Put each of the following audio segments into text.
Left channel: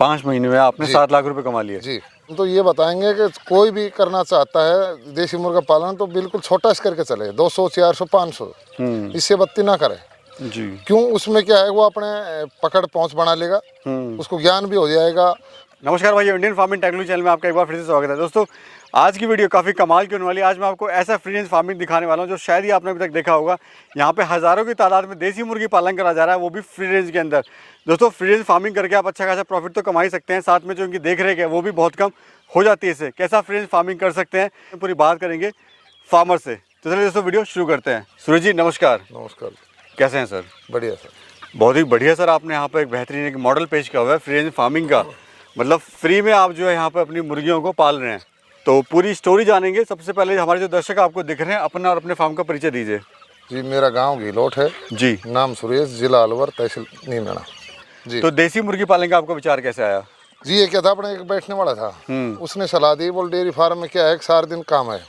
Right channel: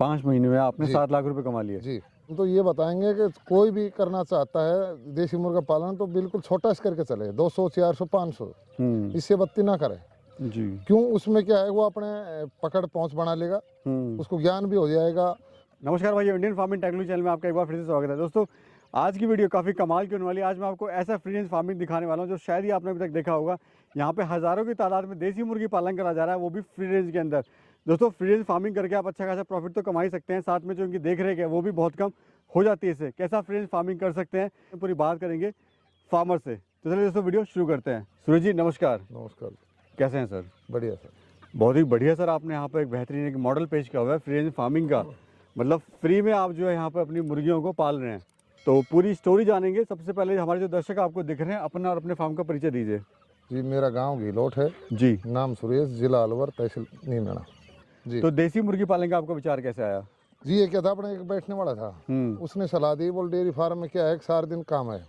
5 महीने में आपने जी। 7 लाख रुपए कमा लिए। जी। तो ये बताएंगे कि कोई भी करना चाहता है देसी मुर्गा पालन तो बिल्कुल छोटा से करके चले, 200 400 500, इससे बत्ती ना करे। जी। क्यों, उसमें क्या है, वो अपने पकड़ पहुंच बना लेगा, उसको ज्ञान भी हो जाएगा। नमस्कार भाई, इंडियन फार्मिंग टेक्नोलॉजी चैनल में आपका एक बार फिर से स्वागत है। दोस्तों, आज की वीडियो काफ़ी कमाल की होने वाली है। आज मैं आपको ऐसा फ्री रेंज फार्मिंग दिखाने वाला हूं जो शायद ही आपने अभी तक देखा होगा। यहाँ पे हज़ारों की तादाद में देसी मुर्गी पालन करा जा रहा है, वो भी फ्री रेंज के अंदर। दोस्तों, फ्री रेंज फार्मिंग करके आप अच्छा खासा प्रॉफिट तो कमा ही सकते हैं, साथ में जो इनकी देख रेख है वो भी बहुत कम हो जाती है। इससे कैसा फ्री रेंज फार्मिंग कर सकते हैं पूरी बात करेंगे फार्मर से। तो चलिए दोस्तों, वीडियो शुरू करते हैं। सूरज जी नमस्कार। नमस्कार। कैसे हैं सर? बढ़िया सर। बहुत ही बढ़िया सर। आपने यहाँ पर एक बेहतरीन एक मॉडल पेश किया हुआ है फ्री रेंज फार्मिंग का, मतलब फ्री में आप जो है यहाँ पर अपनी मुर्गियों को पाल रहे हैं। तो पूरी स्टोरी जानेंगे। सबसे पहले हमारे जो दर्शक आपको दिख रहे हैं, अपना और अपने फार्म का परिचय दीजिए। जी, मेरा गांव घिलोट है जी। नाम सुरेश, जिला अलवर, तहसील नीमना। जी। तो देसी मुर्गी पालन का आपका विचार कैसे आया? जी, ये क्या था, अपने एक बैठने वाला था, उसने सलाह दी, बोल डेयरी फार्म में क्या है कि सारा दिन काम है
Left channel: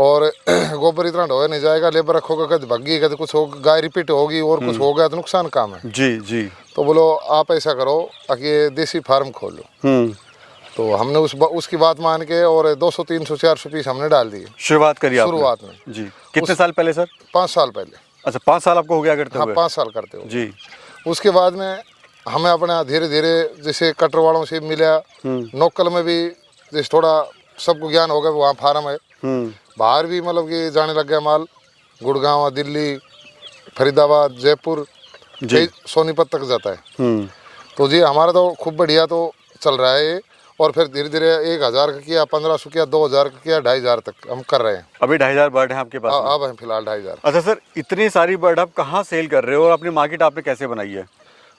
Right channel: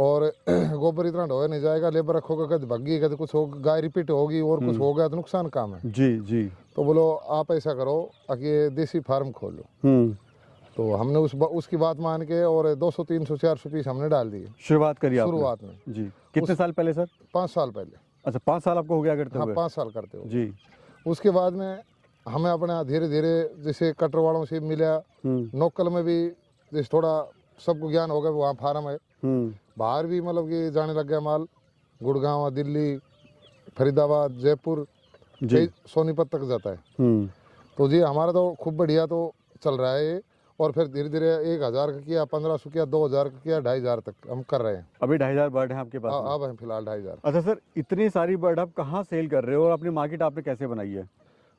और गोबर इतना ढोया नहीं जाएगा, लेबर रखोगे कभी भग्गी, कभी कुछ होगा, गाय रिपीट होगी और कुछ हो गया तो नुकसान काम है। जी जी। तो बोलो आप ऐसा करो कि देसी फार्म खोल लो। तो हमने उसकी बात मान के और 200 300 400 पीस हमने डाल दिए। शुरुआत करी आपने? शुरुआत में। जी। कितने साल पहले सर? 5 साल पहले। अच्छा, 5 साल आपको हो गया करते हाँ, हुए? 5 साल करते हो। जी। उसके बाद में हमें अपना धीरे धीरे जैसे कटर वालों से मिला, नोकल में भी जैसे थोड़ा सबको ज्ञान हो गया, वहाँ फार्म है, बाहर भी मतलब कि जाने लग गया माल, गुड़गांव, दिल्ली, फरीदाबाद, जयपुर, सोनीपत तक जाता है। तो जी हमारा तो खूब बढ़िया तो चल रहा है ये। और फिर धीरे धीरे 1000 का किया, 1500 किया, 2000 का किया, 2500 तक हम कर रहे हैं। अभी 2500 बर्ड है आपके पास में? अब है फिलहाल 2500। अच्छा सर, इतनी सारी बर्ड आप कहाँ सेल कर रहे हो और अपनी मार्केट आपने कैसे बनाई है?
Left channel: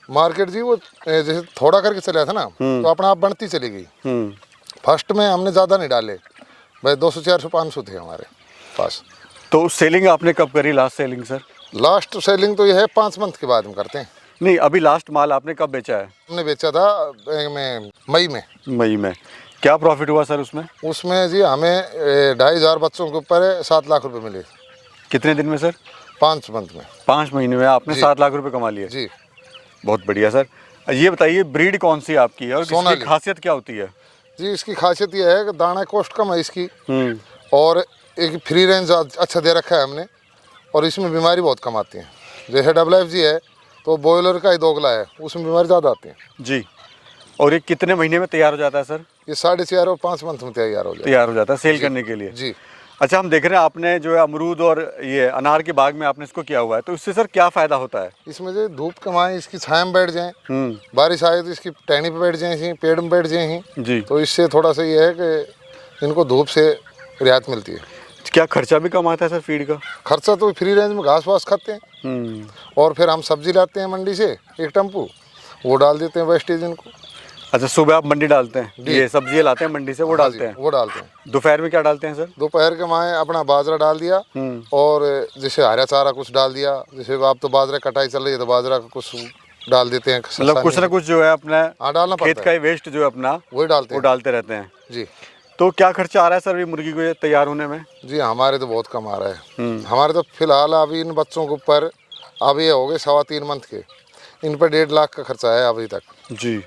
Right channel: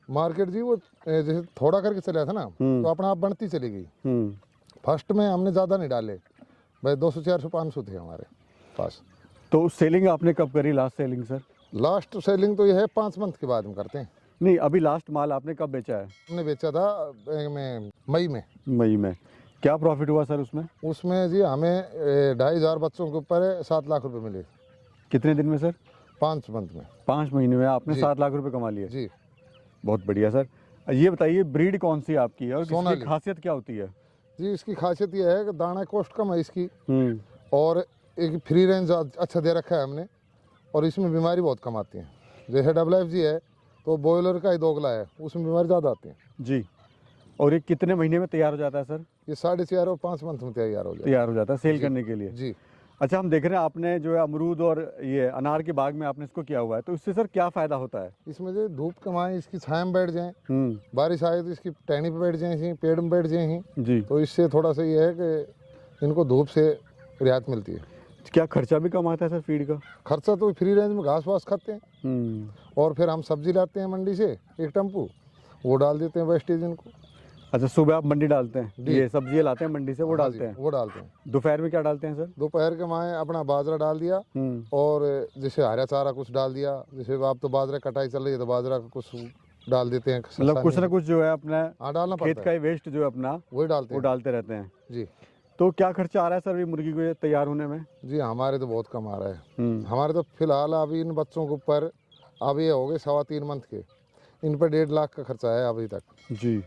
मार्केट जी वो जैसे थोड़ा करके चला था ना, तो अपना आप बढ़ती चली गई। फर्स्ट में हमने ज़्यादा नहीं डाले भाई, 200 400 500 थे हमारे पास। तो सेलिंग आपने कब करी, last selling sir? Last selling तो ये है 5 मंथ के बाद हम करते हैं। नहीं, अभी लास्ट माल आपने कब बेचा है? हमने बेचा था मई में। मई में। क्या प्रॉफिट हुआ सर उसमें? उसमें जी हमें 2500 बच्चों के ऊपर 7 लाख रुपए मिले। कितने दिन में सर? 5 मंथ में। 5 महीने में आपने 7 लाख रुपए कमा लिए? जी। बहुत बढ़िया सर। ये बताइए, ब्रीड कौन सी आपकी है और इसकी खासियत क्या होती है? जी, इसकी खासियत ये है कि दाना कॉस्ट कम है इसकी, और एक फ्री रेंज अच्छा दे रखा है हमने, और इसमें बीमारी बहुत कम आती है। जैसे WFG है तो बॉयलर का ही दोगला है, उसमें बीमारी ज़्यादा आती है। जी। और ये कितने महीने में तैयार हो जाता है सर? ये 4.5 और 5 मंथ में तैयार हो जाता है सेल करने के लिए? जी। अच्छा, हम देख रहे हैं आपने जो है अमरूद और ये अनार के बाग में आपने इसको किया हुआ है, तो इससे सर क्या फ़ायदा होता है? इसमें जो धूप कमाएं, इसकी छाया में बैठ जाएं, बारिश आए तो इसकी टहनी पे बैठ जाएं, पेड़ में बैठ जाएं जी। तो इससे थोड़ा सा ये है कि इनको धूप से रियायत मिलती है। क्या खर्चा भी कम आता है सर फीड का? खर्चा तो फ्री रेंज में घास वास खाते हैं, और फिर हम सब्जी लाते हैं मंडी से एक टेम्पू, वो डाल देते हैं वेस्टेज इनको। अच्छा, सुबह आप मंडी डालते हैं, ये सब्जियाँ लाते हैं मंडी से, वो डालते हैं? वो डालते हैं। दोपहर में क्या डालते हैं सर? दोपहर के माए अपना बाजरा डाल दिया, और जैसे हरा चारा कुछ डाल दिया, जैसे आप तो बाजरा कटाई चल रही है तो बाजरा का कुछ डाल देते हैं, मतलब कुछ ना कुछ जो है अपना डालना खेत का वेस्ट जो है अपना वही डालते रहते हैं। जी। तो क्या खर्चा आ रहा है सर ये मुर्गी को ये तैयार होने में? जी, हमारे तो बहुत कम आ रहा है। हमारे तो फिलहाल अभी इन बच्चों के ऊपर अब ये हो गए 3.25 मंथ के, इन पर 1.5 लाख का खर्चा है अभी तक। जी।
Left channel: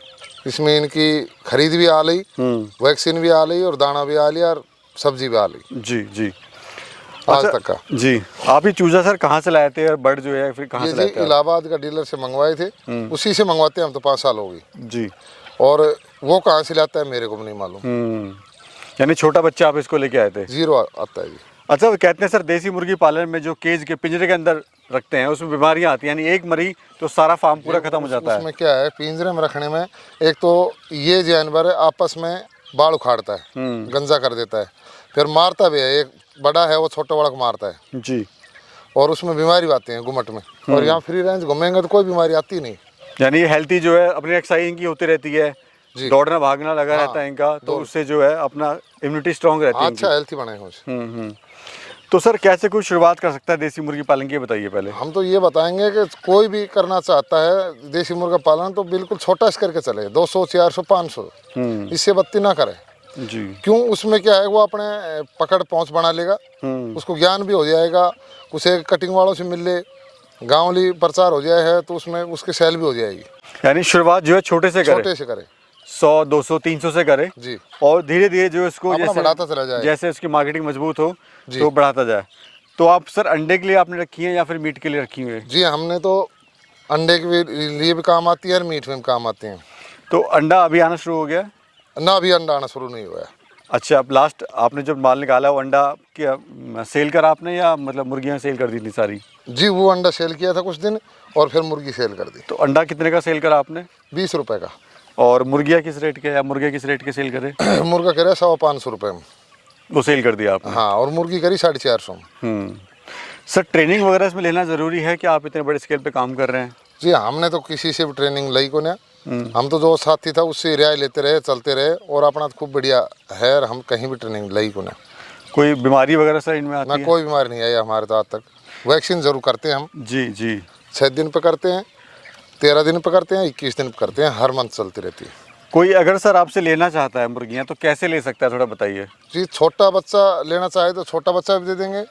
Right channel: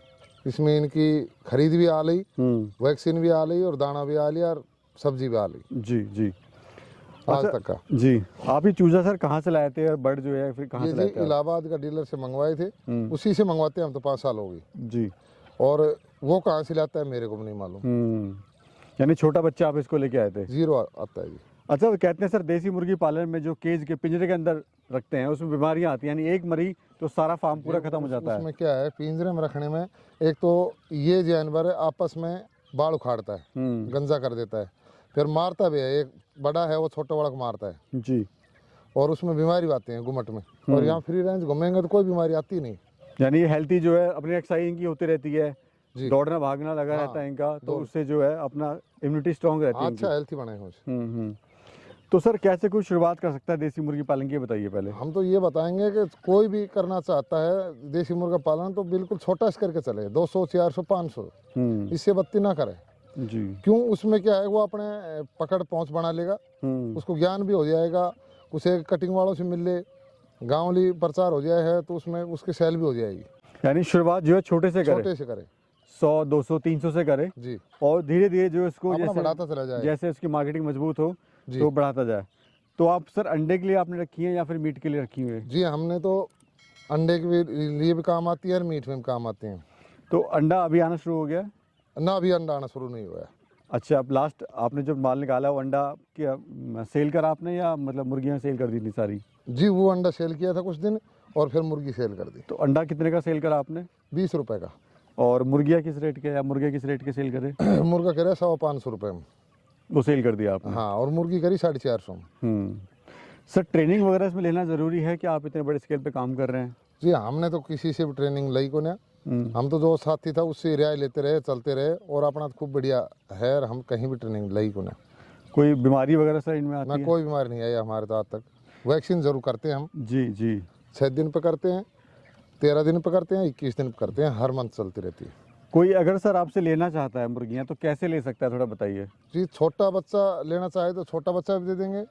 इसमें इनकी खरीद भी आ ली, वैक्सीन भी आ ली, और दाना भी आ लिया, और सब्जी भी आ ली। जी जी। आज तक का। जी। आप ये चूजा सर कहाँ से लाए थे और बर्ड जो है फिर कहाँ से लाए थे? इलाहाबाद का डीलर से मंगवाए थे, उसी से मंगवाते हैं हम तो 5 साल हो गई। जी। और वो कहाँ से लाता है मेरे को भी नहीं मालूम। यानी छोटा बच्चा आप इसको लेके आए थे? 0 आता है जी। अच्छा, कहते हैं सर देसी मुर्गी पालन में जो केज के पिंजरे के अंदर रखते हैं उसमें बीमारियां आती हैं, यानी एक मरी तो सारा फार्म पूरा खत्म हो जाता है। उसमें क्या है, पिंजरे में रखने में एक तो ये जानवर आपस में बाल उखाड़ता है, गंजा कर देता है, फिर मारता भी है। एक बड़ा है वो छोटे वाला को मारता है जी, और उसमें बीमारी आती है गुमट में। और यहाँ फ्री रेंज घूमेंगे तो कोई बीमारी आती नहीं। यानी ये हेल्थी जो है, अपनी एक्सरसाइज इनकी होती रहती है, दौड़ना भागना लगा रहता है इनका, तो उससे जो है अपना इम्यूनिटी स्ट्रॉन्ग रहती है। अच्छा हेल्थी बने हैं। तो सर कैसे कोई शुरुआत कर सकता है देसी मुर्गी पालन की, बताइए पहले। हम तो ये बताएंगे कि कोई भी करना चाहता है देसी मुर्गा पालन तो बिल्कुल छोटा से करके चले, 200 400 500, इससे बत्ती ना करे। जी। क्यों, उसमें क्या है, वो अपने पकड़ पहुंच बना लेगा, उसको ज्ञान भी हो जाएगा, उसे कटिंग वालों से मिल ले, गाँवली प्रचार हो जाए है तो उसमें उसकी सेल भी हो जाएगी। यानी शुरुआत जो है छोटे से करे। 100, 200, 300 से करे जी, और धीरे धीरे जो इसको अपना जैसे बढ़ाता चला जाए। जैसे उसकी मार्केटिंग मजबूत हो जी। तो बढ़ाता जाए। तो आप सर अंडे के लिए आपने रखी है या फिर मीट के लिए रखी हुई है? जी, हमने तो अंडे के लिए भी काम आती है और मीट में भी काम आती हैं। तो अंडा अभी आना शुरू हो गया है? ना अभी अंडा आना शुरू नहीं हुआ है। अच्छा, अब लास्ट आपने जब माल निकाला वो अंडा क्या सेल करा आपने या मतलब मुर्गियाँ सेल कर दी थी सारी? जी, वो अंडा सेल किया था कुछ दिन और फिर मुर्गी सेल कर दी। तो अंडा कितने का सेल करा आपने? 20 रुपए का। और मुर्गियाँ किस रेट के या मुर्गे किस रेट के सेल करे? मुर्गा कह रहा है 100-500 रुपये में। वो सेल कर दिया आपने? हाँ, और मुर्गी करी 450 में। सर ट्रेनिंग वगैरह इसमें लेना ज़रूरी है कि आप इतने बड़े स्केल पे काम कर रहे हैं? जी, हमने तो किसी से भी ट्रेनिंग ली को ना। हम तो जो साथी था उससे रियाय लेते रहे, चलते रहे और अपना खूब बढ़िया है और हम कहीं भी ट्रेनिंग ली को ना। कोई बीमारी वगैरह सर इनमें आती ना है? कोई बीमारी नहीं आई हमारे तो आज तक। वैक्सीन जरूर करते हैं हम। जी जी। 6 दिन पे करते हैं, 13 दिन पे करते हैं, 21 दिन पे करते हैं, हर मंथ चलती रहती है। कोई अगर सर आपसे लेना चाहता है मुर्गियाँ तो कैसे ले सकता है, थोड़ा बताइए। जी, छोटा बच्चा लेना चाहे तो छोटा बच्चा भी दे देंगे।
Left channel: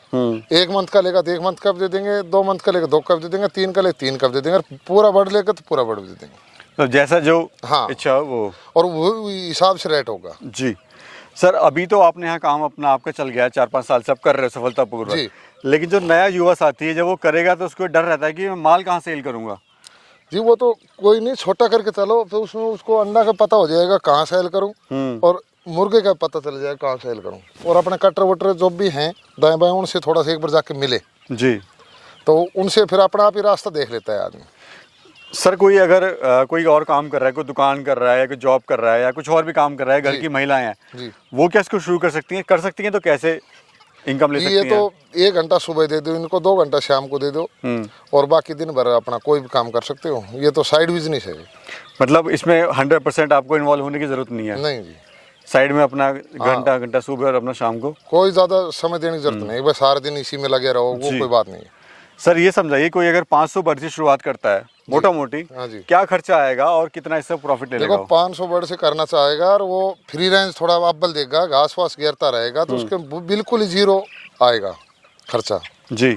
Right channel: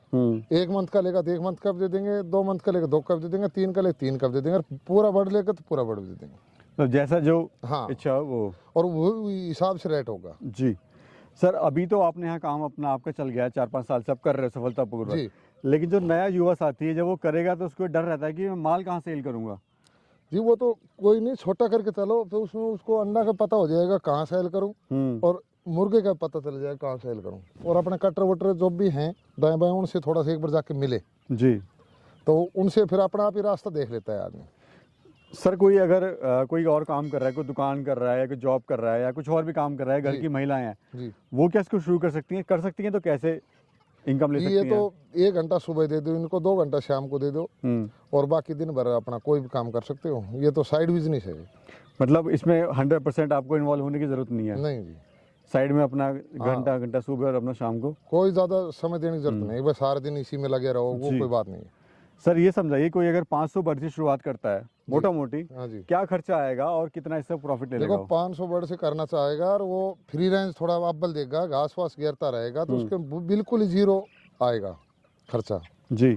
1 मंथ का लेगा तो 1 मंथ का भी दे देंगे, 2 मंथ का लेगा 2 का भी दे देंगे, 3 का लेगा 3 का भी दे देंगे और पूरा बर्ड लेगा तो पूरा बर्ड भी दे देंगे। तो जैसा जो हाँ। इच्छा हो वो। और वो हिसाब से रेट होगा। जी सर, अभी तो आपने यहाँ काम अपना आपका चल गया है, 4-5 साल से आप कर रहे हो सफलतापूर्वक। जी। लेकिन जो नया युवा साथी है जब वो करेगा तो उसको डर रहता है कि मैं माल कहाँ सेल करूँगा। जी, वो तो कोई नहीं, छोटा करके चलो तो उसमें उसको अंडा का पता हो जाएगा कहाँ सेल करूँ और मुर्गे का पता चल जाएगा कहाँ सेल करूँ। और अपने कटर वटर जो भी हैं दाएं बाएं उनसे थोड़ा सा एक बार जाके मिले जी। तो उनसे फिर अपना आप ही रास्ता देख लेता है आदमी। सर कोई अगर कोई और काम कर रहा है, कोई दुकान कर रहा है या कोई जॉब कर रहा है या कुछ और भी काम कर रहा है, घर की महिलाएं हैं, जी, वो क्या इसको शुरू कर सकती हैं तो कैसे इनकम ले सकती ये हैं? तो 1 घंटा सुबह दे दो इनको, 2 घंटा शाम को दे दो और बाकी दिन भर अपना कोई भी काम कर सकते हो। ये तो साइड बिजनेस है। मतलब इसमें 100% आपको इन्वॉल्व होने की जरूरत नहीं है? नहीं जी, साइड में अपना घंटा सुबह और अपना शाम को? कोई ज़्यादा समय देने की जरूरत नहीं, बस सारा दिन इसी में लगे रहो, वो कोई बात नहीं है। सर ये समझाइए, कोई अगर 500 बर्ड से शुरुआत करता है मोटा मोटी, हाँ जी। क्या खर्चा आएगा और कितना इससे प्रॉफिट ले लेगा देखो वो? 500 बर्ड से करना चाहेगा और वो फ्री रेंज थोड़ा अव्वल देगा, घास वास घेरता रहेगा तो उसके बिल्कुल ही 0 आएगा खर्चा। जी।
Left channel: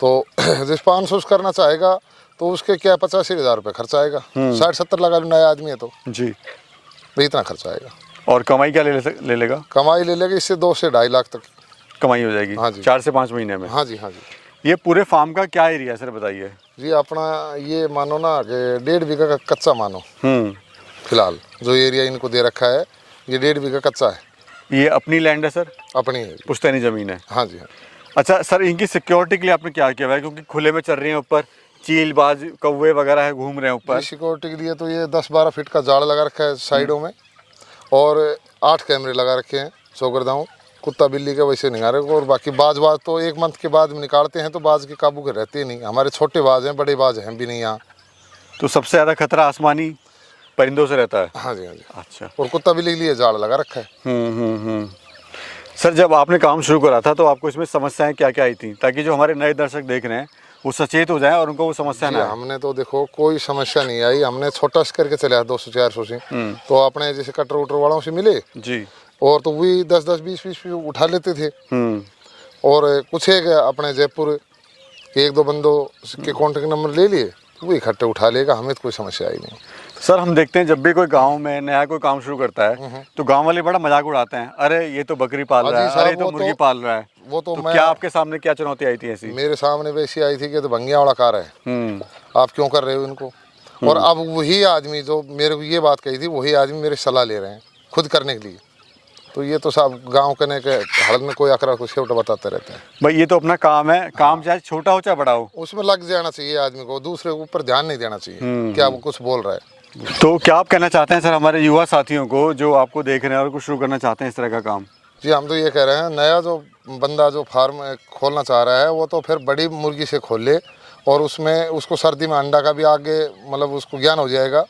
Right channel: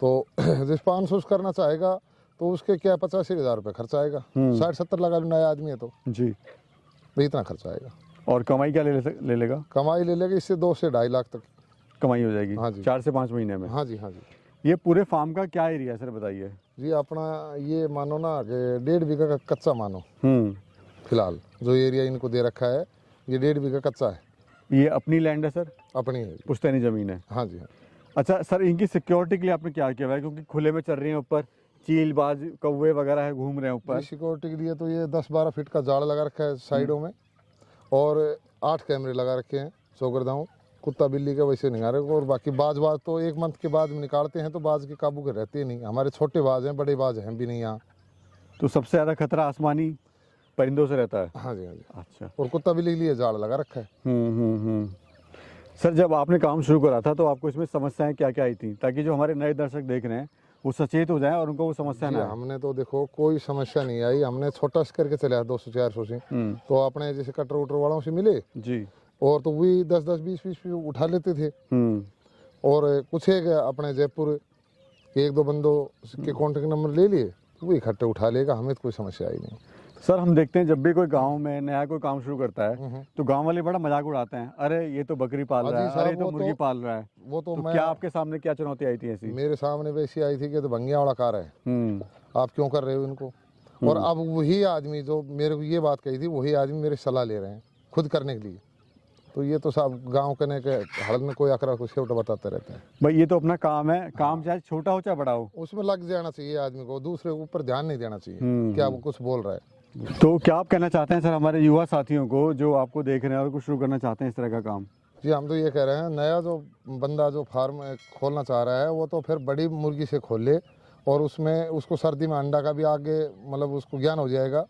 तो जिस 500 से करना चाहेगा तो उसके क्या 85,000 रुपये खर्चा आएगा। 60-70 लगा लो, नया आदमी है तो जी। भाई इतना खर्चा आएगा। और कमाई क्या ले लेगा? कमाई ले लेगा इससे 2 से 2.5 लाख तक कमाई हो जाएगी? हाँ जी। 4 से 5 महीने में? हाँ जी, हाँ जी। ये पूरे फार्म का क्या एरिया है सर बताइए? जी, अपना ये मानो ना कि 1.5 बीघा का कच्चा मानो। फिलहाल जो एरिया इनको दे रखा है ये 1.5 बीघा कच्चा है। ये अपनी लैंड है सर? अपनी है। पुश्तैनी ज़मीन है? हाँ जी, हाँ। अच्छा सर, इनकी सिक्योरिटी के लिए आपने क्या किया हुआ है, क्योंकि खुले में चल रही हैं, ऊपर चीलबाज कौवे वगैरह है घूम रहे हैं ऊपर? सिक्योरिटी के लिए तो ये 10-12 फीट का जाल लगा रखा है साइडों में और 8 कैमरे लगा रखे हैं चौकरदाओं। कुत्ता बिल्ली का वैसे निकाले और बाकी बाज तो 1 मंथ के बाद में निकालते हैं तो बाज के काबू के रहते ही नहीं। हमारे छोटे बाज हैं, बड़े बाज हैं भी नहीं यहाँ। तो सबसे ज़्यादा खतरा आसमानी परिंदों से रहता है? हाँ जी, हाँ जी। अच्छा। और कुत्ता बिल्ली के लिए जाल लगा रखा है। सर जब आपने काम शुरू करा था तो आपको इसमें समस्याएं क्या क्या आई थी, ताकि जो हमारे नए दर्शक देख रहे हैं वो सचेत हो जाएं और उनको वो समस्या जी, ना आए? हमने तो देखो कोई समस्या नहीं आई। हमने छोटा से करके चले 200-400 से तो अपने जैसे कटर वटर वालों से मिले जी। और तो वही 10-10, 20-20 उठा लेते थे। और कुछ एक अपने जयपुर के 1-2 बंदों के कॉन्टेक्ट नंबर ले लिए तो वो इकट्ठे उठा लेगा, हमें तो कोई समस्या आई नहीं। सर हम देखते हैं जब भी कोई गांव में नया कोई काम शुरू करता है तो गांव वाले बड़ा मजाक उड़ाते हैं, अरे ये तो बकरी पाल रहा है, अरे ये तो मुर्गी पाल रहा है। वो तो मैं, क्या आपके सामने क्या चुनौती आई थी ऐसी? मेरे सामने वैसी आई थी कि तो भंगिया वाला कार है, आप क्यों कर रहे हो इनको? और अब वही आदमी जो मेरे को ये बात कही थी वही आदमी मेरे सलाह ले रहे हैं खुद करने के लिए। तो ये तो सब गांव करने के हड़क में कोई अकरा कुछ छोटा बताते रहते हैं। भाई ये तो अपना काम है, काम चाहे छोटा हो चाहे बड़ा हो, उसमें लग जाना चाहिए आदमी को, दूसरे के ऊपर ध्यान नहीं देना चाहिए क्या वो कुछ बोल रहा है। तो क्या आप कहना चाहते हैं सर हमारे युवा साथियों को जो आपको देख रहे हैं और कुछ शुरू करना चाहते हैं इस तरह का काम? जी, हम तो ये कह रहे हैं नया जो बंदा जो फार्म खोलना चाह रहा है वो तो फिर बड़ी मुर्गी से खोल ले और उसमें उसको सर्दी में अंडा का भी आगे मतलब उसको ज्ञान हो जाएगा,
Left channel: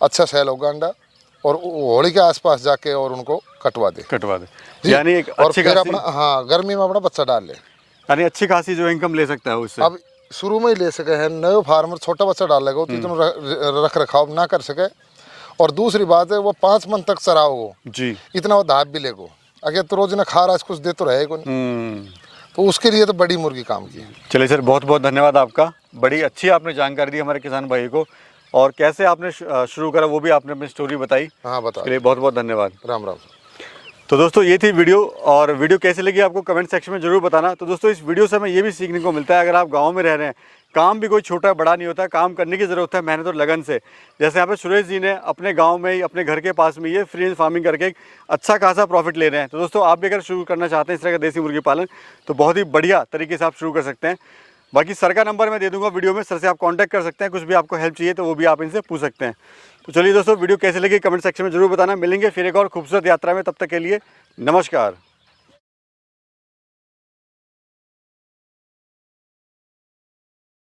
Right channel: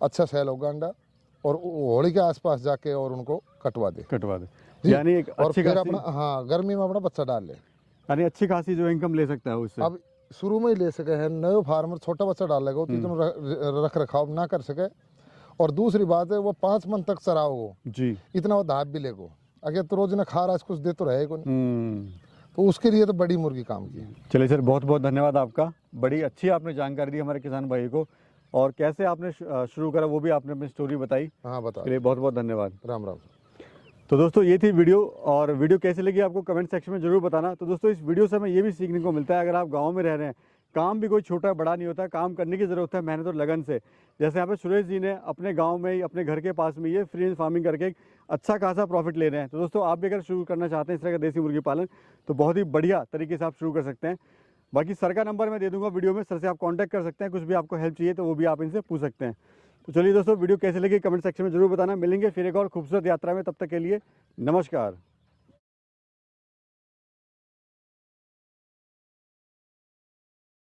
अच्छा सेल होगा अंडा और होली के आसपास जाके और उनको कटवा दे। यानी एक और अच्छी फिर खासी, अपना हाँ गर्मी में अपना बच्चा डाल ले। यानी अच्छी खासी जो इनकम ले सकता है उससे। अब शुरू में ही ले सके हैं, नए फार्मर छोटा बच्चा डाल लेगा तो इतना रख रखाव ना कर सके। और दूसरी बात है वो 5 मन तक चराओ जी, इतना वो दाब भी लेगो, अगर तो रोज ना खा रहा कुछ दे तो रहेगा नहीं। तो उसके लिए तो बड़ी मुर्गी काम की। चलिए सर, बहुत बहुत धन्यवाद आपका, बड़ी अच्छी आपने जानकारी दी हमारे किसान भाई को। और कैसे आपने शुरू करा वो भी आपने अपनी स्टोरी बताई। हाँ बता। इसके लिए बहुत बहुत धन्यवाद। राम राम। तो दोस्तों ये थी वीडियो, और वीडियो कैसी लगी आपको कमेंट सेक्शन में ज़रूर बताना। तो दोस्तों इस वीडियो से हमें ये भी सीखने को मिलता है, अगर आप गांव में रह रहे हैं, काम भी कोई छोटा बड़ा नहीं होता, काम करने की ज़रूरत है मेहनत और लगन से। जैसे यहाँ पे सुरेश जी ने अपने गांव में ही, अपने घर के पास में ये फ्री रेंज फार्मिंग करके एक अच्छा खासा प्रॉफिट ले रहे हैं। तो दोस्तों आप भी अगर शुरू करना चाहते हैं इस तरह का देसी मुर्गी पालन, तो बहुत ही बढ़िया तरीके से आप शुरू कर सकते हैं। बाकी सर का नंबर मैं दे दूंगा वीडियो में, सर से आप कांटेक्ट कर सकते हैं, कुछ भी आपको हेल्प चाहिए तो वो भी आप इनसे पूछ सकते हैं। तो चलिए दोस्तों वीडियो कैसे लगी कमेंट सेक्शन में ज़रूर बताना। मिलेंगे फिर एक और खूबसूरत यात्रा में, तब तक के लिए नमस्कार।